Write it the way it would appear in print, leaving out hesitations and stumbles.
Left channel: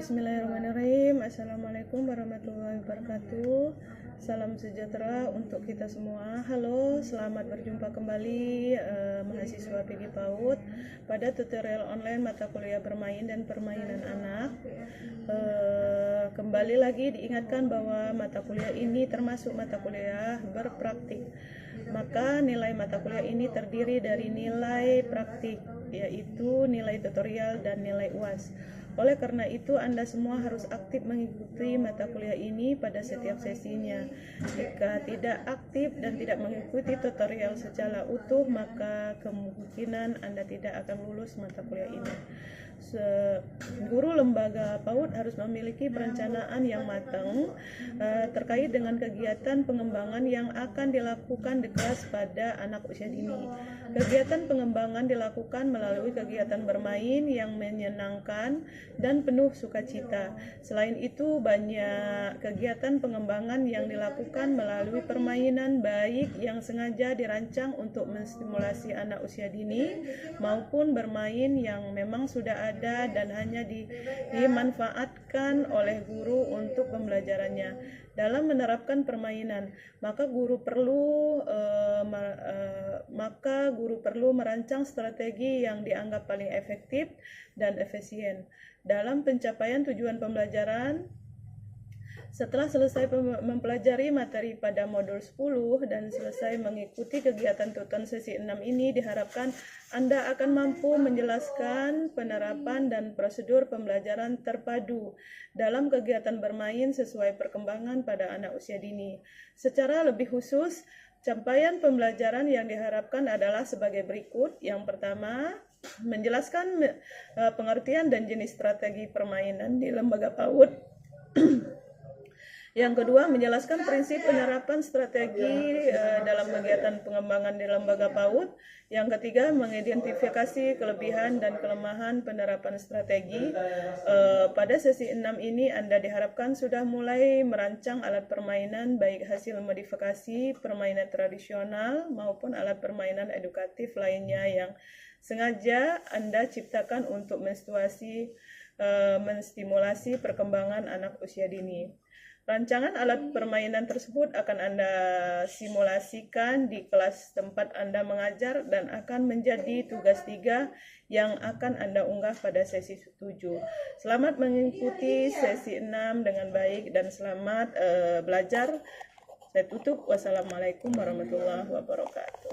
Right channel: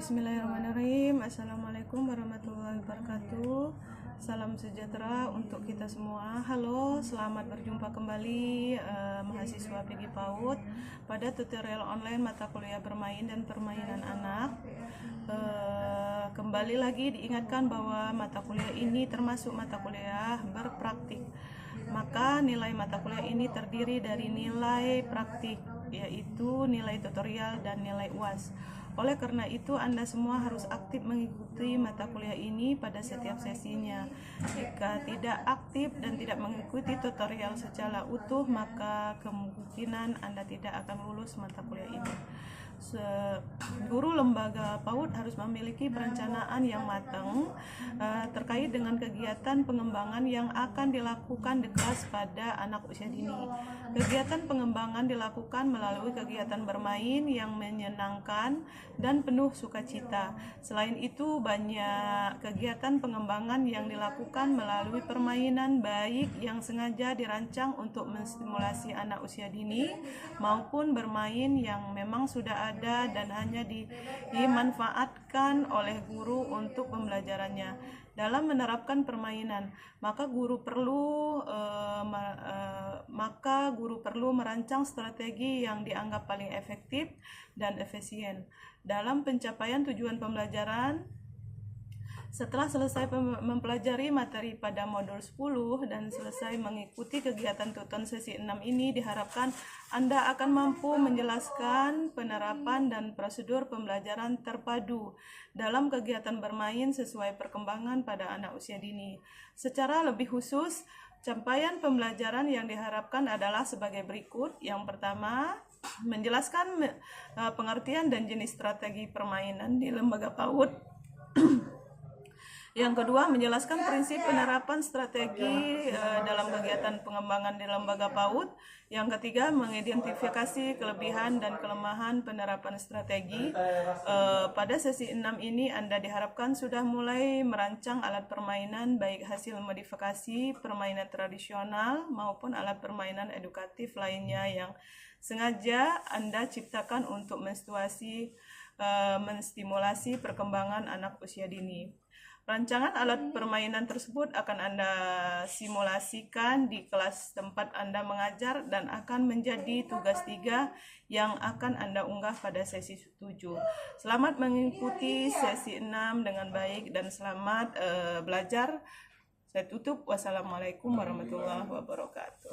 Bismillahirrahmanirrahim. Assalamualaikum warahmatullahi wabarakatuh. Salam sejahtera untuk kita semua. Halo, selamat berjumpa kembali mahasiswa PG PAUD pada tutorial online mata kuliah bermain dan permainan anak. Kembali lagi diingatkan bahwa mata kuliah ini termasuk mata kuliah berpraktik. Maka nilai mata kuliah ini terdiri dari nilai praktik, yaitu nilai tutorial dan nilai UAS. Oleh karena itu, Anda semua harus aktif mengikuti mata kuliah ini pada setiap sesinya. Jika tidak aktif dan tidak mengikuti tutorial secara utuh, maka kemungkinan Anda tidak akan lulus mata kuliah ini. Guru lembaga PAUD harus memiliki perencanaan yang matang terkait dengan kegiatan pengembangan yang akan dilakukan di kelas pada anak usia dini. Kegiatan pengembangan dilakukan melalui kegiatan bermain yang menyenangkan dan penuh sukacita. Selain itu, banyak kegiatan pengembangan yang dilakukan melalui permainan, baik yang sengaja dirancang untuk menstimulasi anak usia dini maupun bermain yang memang sudah ada dan hanya dimanfaatkan oleh guru untuk pembelajarannya. Dalam menerapkan permainan, maka guru perlu merancang strategi yang dianggap paling efektif dan efisien dalam pencapaian tujuan pembelajaran. Setelah selesai mempelajari materi pada modul 10 dan selesai mengikuti kegiatan tuton sesi 6 ini, diharapkan Anda akan mampu menjelaskan penerapan dan prosedur pembelajaran terpadu dalam kegiatan bermain sesuai perkembangan pada anak usia dini. Secara lebih khusus, capaian pembelajaran yang diharapkan adalah sebagai berikut. Yang pertama, menjelaskan pengertian dan jenis strategi permainan di lembaga PAUD. Yang kedua, menjelaskan prinsip penerapan strategi dalam kegiatan pengembangan di lembaga PAUD. Yang ketiga, mengidentifikasi kelebihan dan kelemahan penerapan strategi. Pada sesi 6 ini, Anda diharapkan sudah mulai merancang alat permainan, baik hasil modifikasi permainan tradisional maupun alat permainan edukatif lainnya yang sengaja Anda ciptakan untuk menstimulasi perkembangan anak usia dini. Rancangan alat permainan tersebut akan Anda simulasikan di kelas tempat Anda mengajar dan akan menjadi tugas 3 yang akan Anda unggah pada sesi 7. Selamat mengikuti sesi 6 dengan baik dan selamat belajar. Saya tutup. Wassalamualaikum warahmatullahi wabarakatuh.